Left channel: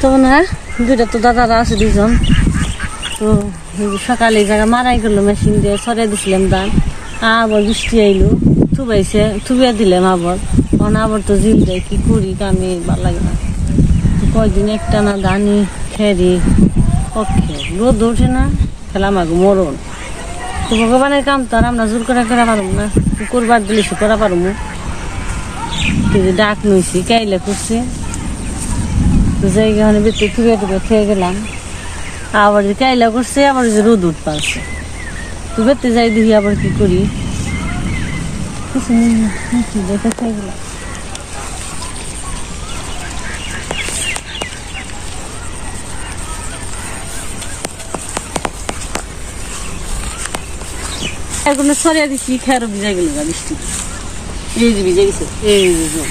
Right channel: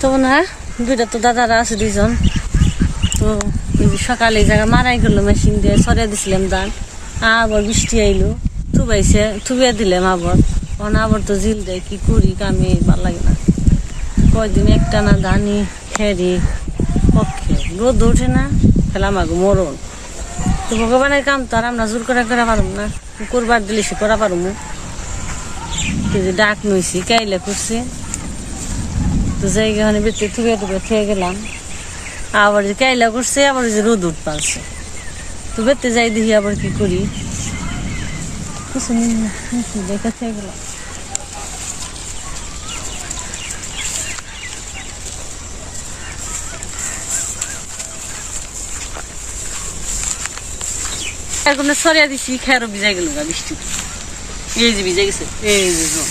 তো না দুইটা তো দাদারা আছে দুজন তো সকালে এই জায়গা মারাই করলো মেশিন দিয়ে সরিয়ে দিছিলাম ধান আবার বৃষ্টি আইলো থুবিয়া দিলাম আবার তো জিল দেয় কি করি কামে ভাল লাগে না কয়দিন একটা না ধানি খেরি পক্ষে রোদ ওঠে না খেলাম আগে মরণ তো ভগবানের কাম তো আর আমরা জোর করা পারব না করবার দিলেছি করা পারবো ডাক নইছি কাইলে করছি তো জায়গা বেতে থুবিয়া খেয়ে গেলাম আবার যে কাইলা করছে আবার যে রোদ উঠ পারছে তো বেতে যাই দেখি আবার কি করি কিছু দেখে খেয়ে গেলাম এখন সরিয়া দিছি খেয়ারও ভিজাই গেল গা বৃষ্টি এই যে ভিজে গেছে এই যে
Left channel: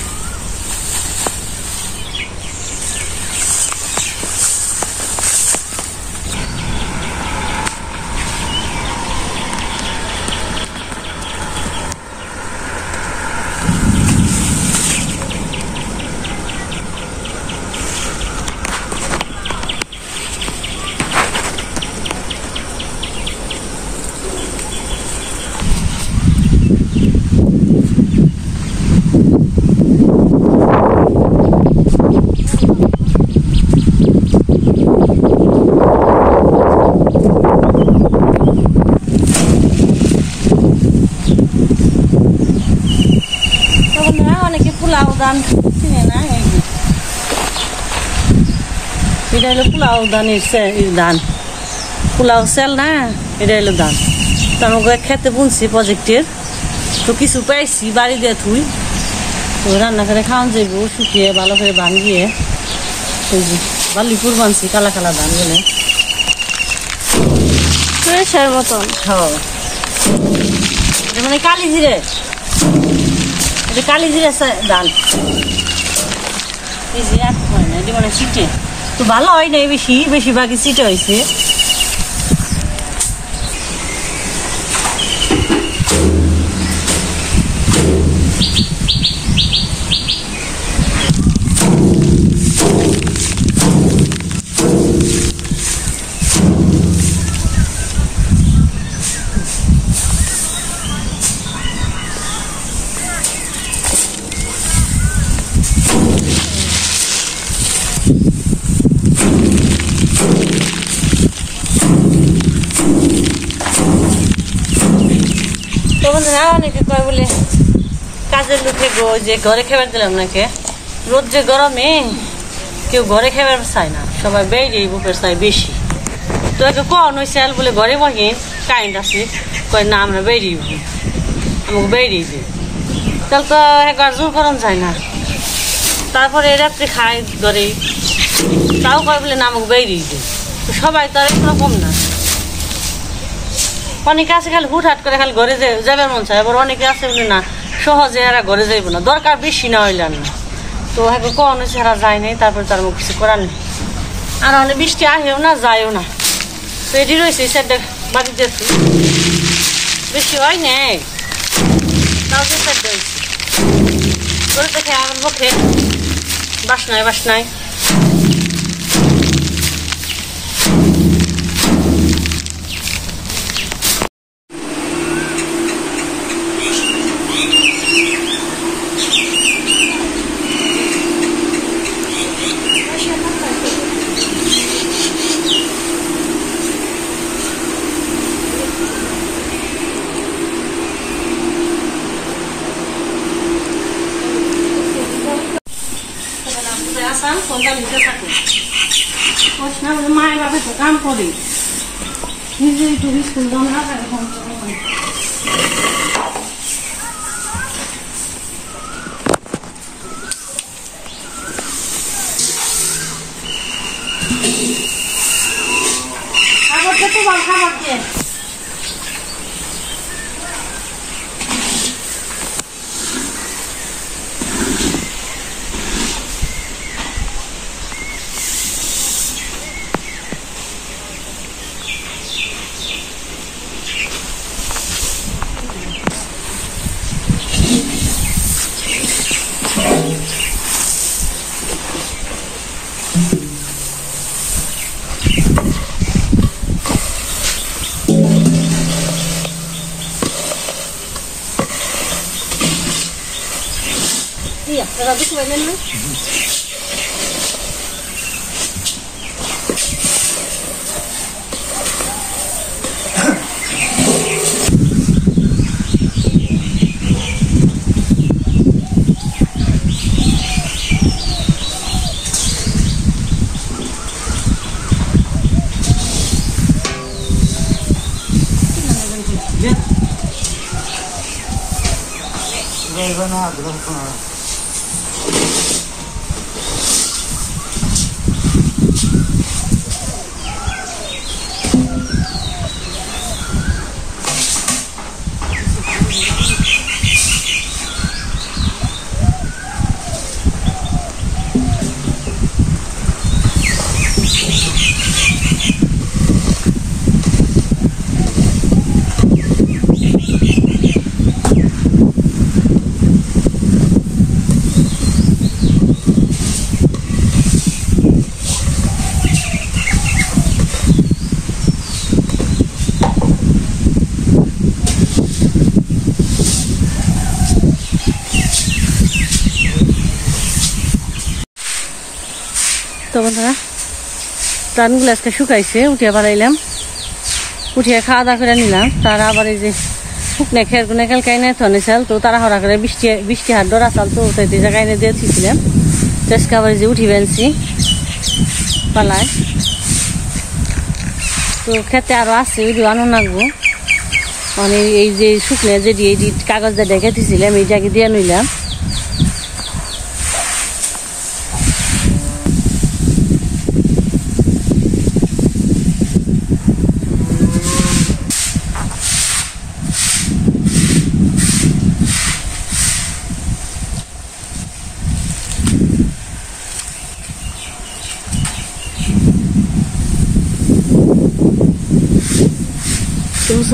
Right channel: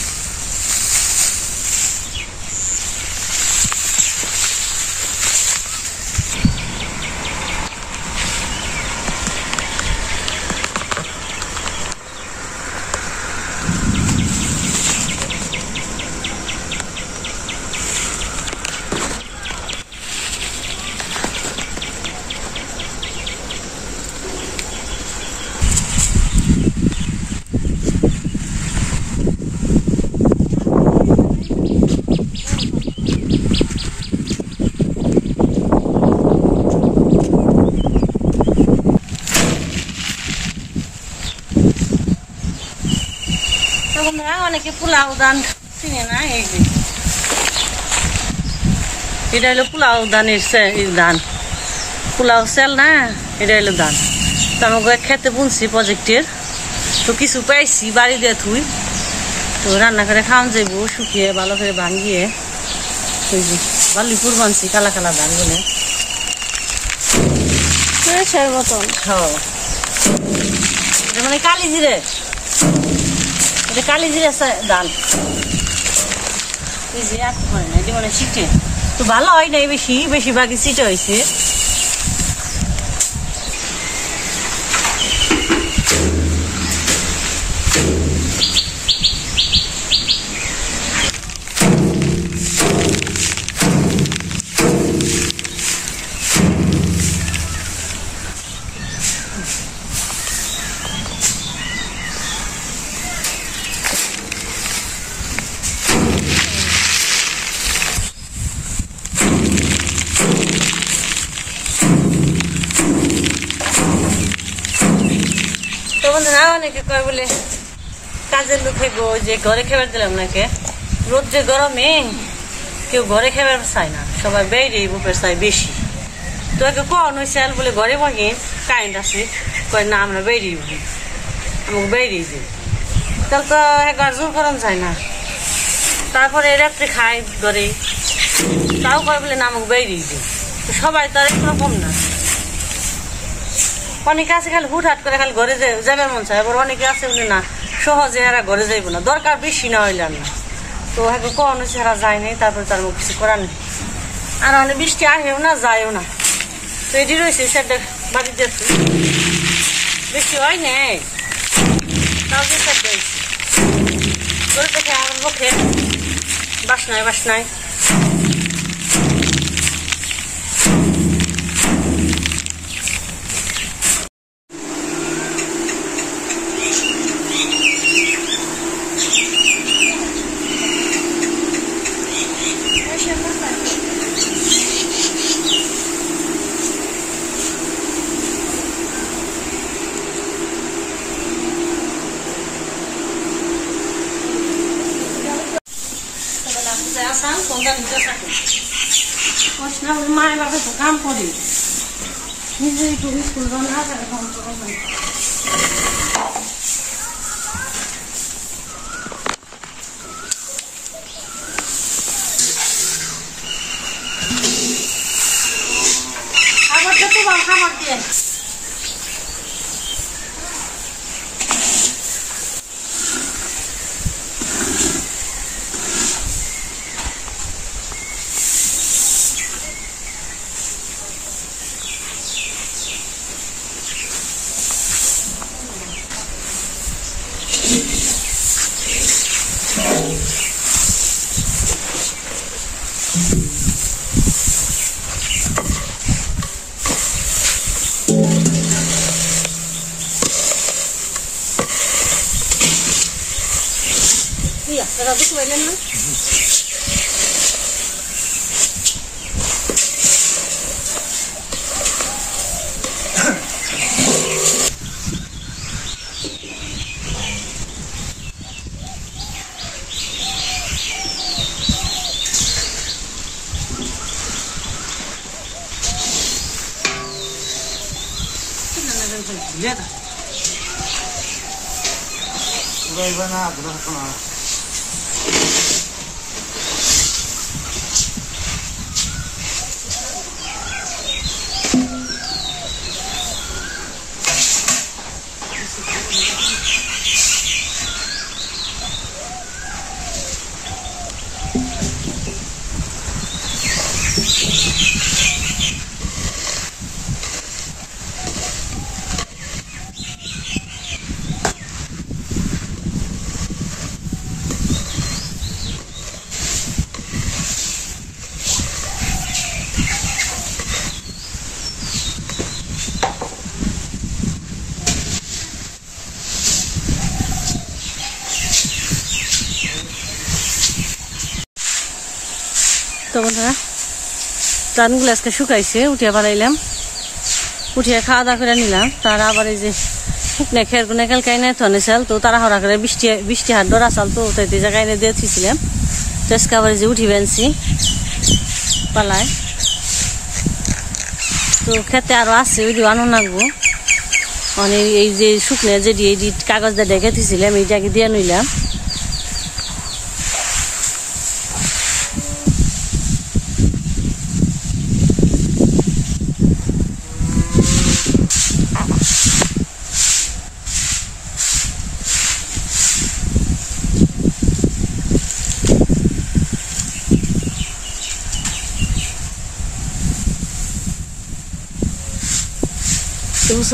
অনেকে পোলাও ধান চিনে না এই যে এটা হলো পোলাও ধানের ধান পোলাও সেল না এটা হলো ধান তো আমাকে খেতে বুনছি প্রজেক্টের তো কিছু পাইছি বাড়ি দিয়ে থুই তো রান্না করে খাওয়ান যাইব শুকিয়ে ভালো করে ভাঙিয়ে এই যে বালিপুর বানছি কালা কালা ধান বলে মতন এটা মানে কালি জিরে কালি জিরে ধান এই যে আর হয় না এটা মানে সিটে তো ভালো হয় না বেশিরভাগই সিটে হয়েছে অনেকে কয় বলে কাজের লোকে গো যে ঘরে খেবার দিলাম নাকি রোদ যে গরমে কেউ ঘরে খেবার চায় না সবাই বেড়ে বুপের চাই বেশি তো একে কন হয়েছে বলে ঘরে বহি কারেন্ট আছে কয় না আমরা বেরিয়ে আমাকে বেরিয়ে দিই তাহলে তো একবার জোর করান যায় না তারপরে রাত্রে খায় ঘরে তাও কয় বলে না আমাকে বেরিয়ে দিই তো সবাই তো আর একরকম না অনেকে আছে খালি হুটহাট করে খালি ঘরে যাবে মন চায় আবার অনেকে আছে বলে না সহজে এরা ঘরে যাইব না দরকার বেশি না হইলে না তো হ্যাঁ কন হয়েছে এরা যায় নাই তারপরে তার মুখ কিছু করার নেই আর অনেক বৃষ্টি আহেও না যায়ও না তো এটি রয়েছে সেটা বাড়িতে বেশি হয় নাই তাও যে সেটা হয়েছে করে দেখে আমার মুখে বাসনায় মায়ের বাবা তো কাম করে নিজেই তো স্কুল আবার তো খাবার দিয়ে দিয়া দাদা দেখতে পাইলেন না তো বন্ধুরা প্রাণগুলো আজকে শুকাইছে উঠিয়ে বাড়াইলাম উঠিয়ে খাওয়া দাওয়া করে নিলাম তারা আবার এই যে শুকনে খের গুনে কালকে এনে থনে চাল তো তারা হরা করে বৃষ্টি হাত ডরা চাল তো তাই জায়গায় এনে দিয়েছিলাম আজকে আবার যে উঠি বেলছি পালায় তো খেতে আরো আছে ওই আনো লাগবো মানে এই যে শুকনে যে এই কাগজ দিয়ে ডেকে দিয়েছিলাম এই জায়গায় দিয়ে নিলাম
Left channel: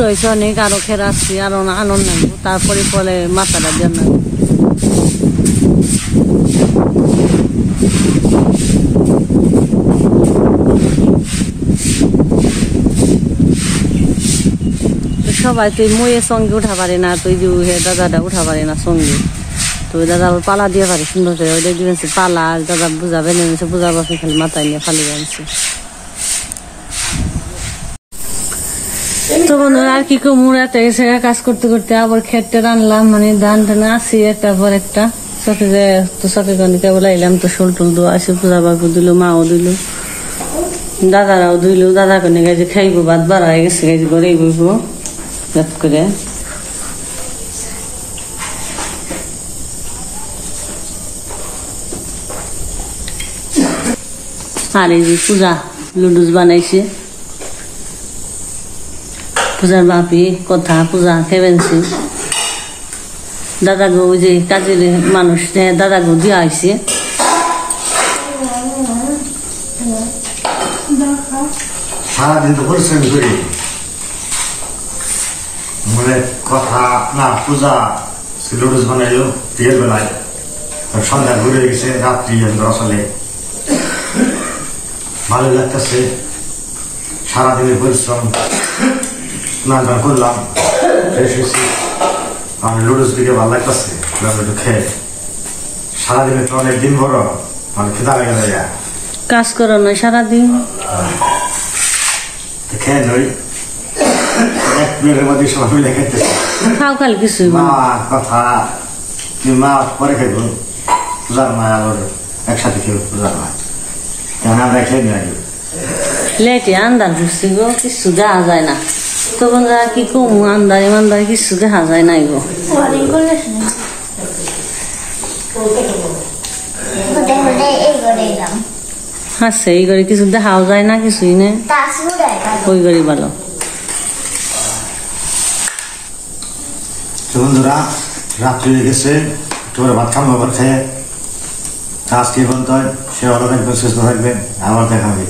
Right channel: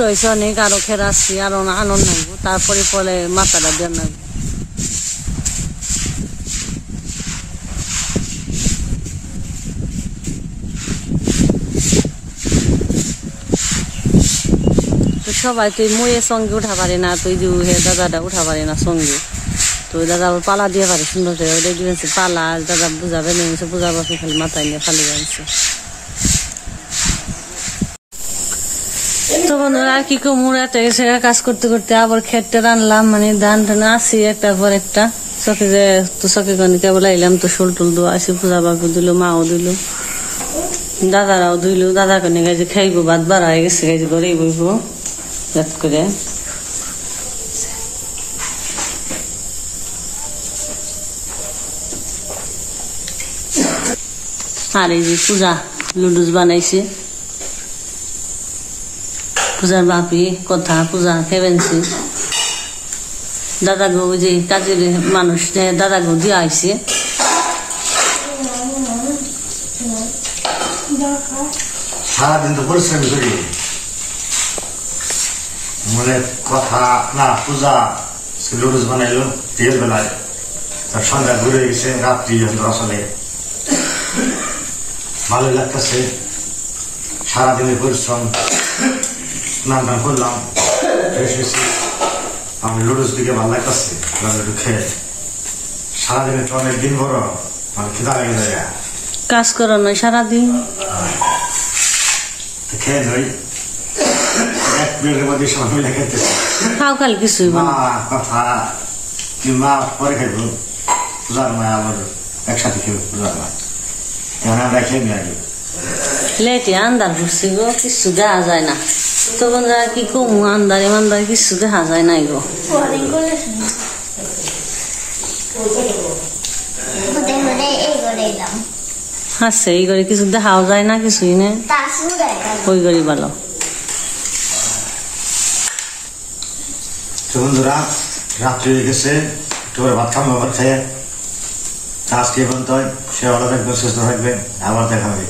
হয়েছে অনেক আরো খেরা আসছি আরো আনন্দ লাগবো তারপরে পরে মাথাটা দিয়ে লাগবো তো সবাই তো ময়ের সঙ্গে উঠা পারে না তো যে দাদাটা উঠা পারে না সঙ্গে তো ওই দাদা পালা দিয়ে পারে সুন্দর করে ওইটা দিয়েছে পালা দাদা বুঝাবে বুঝাবো খালি মাথায় নিয়ে ফালি আনছে তো বন্ধুরা আর কি মুড়াতে গেছে কাজ করতে করতে আবার খেতে রানলাম মানে ধান টান আসি একটা পর একটা চকে যে তো চকে কেবল আইলাম তো শোল টুল দো আসি পূজা বাবু দিল মাও দিল দাদারাও দিল দাদা কনে গেছে খাইবো ভাত বাড়া হয়ে গেছে গেছে ঘরেই বইবো রাত করে আর এই যে পূজা লুডুস বানাইছে পূজার বাপি কথা পূজা খেবেনছি দাদা গো যে কাজের মানুষ দাদা গো দিয়ে আইছে সারাদিন তো পরিশ্রম করি মানে কথা না পূজা লুডুস বানাইলো বিয়ের বেলায় সন্ধ্যা ঘুরে গেছে রাত্রি আসলে ভালো লাগতেছে সারাদিনের পরিশ্রম স্নান টান করলাম আমি লুডুস দিকে ভালো লাগতেছে লুডু খেয়ে সারাদিনে তো অনেক দিন বড় মানে খিদা লেগে যায় কাজ করো নয় সারাদিন খেয়ে নই এক প্লেটের মধ্যে সবাই মিলে খেতেছে খাও খালি কিছু মা কথা কি মা পরে খাইব পূজার মা আবার একসাথে খেয়ে পূজার মা আমরা খেয়ে নিয়ে আসবো লেটে আন্দার ঘুরছি গো কিছু দেখা যায় না তো বন্ধুরা কি কমু আন্দার ইমানদার কিছু দেখা যায় নাই গো আচ্ছা এই করে কিছু দেখাও যায় না কিছুই না ওই করে ভালো বন্ধুরা রাত্রি হয়ে গেছে তোমরা ভাত খাবো আবার খেয়ে কাজ কি বলতে হয় সে ভালো থাকবেন সুস্থ থাকবেন আবার দেখা হবে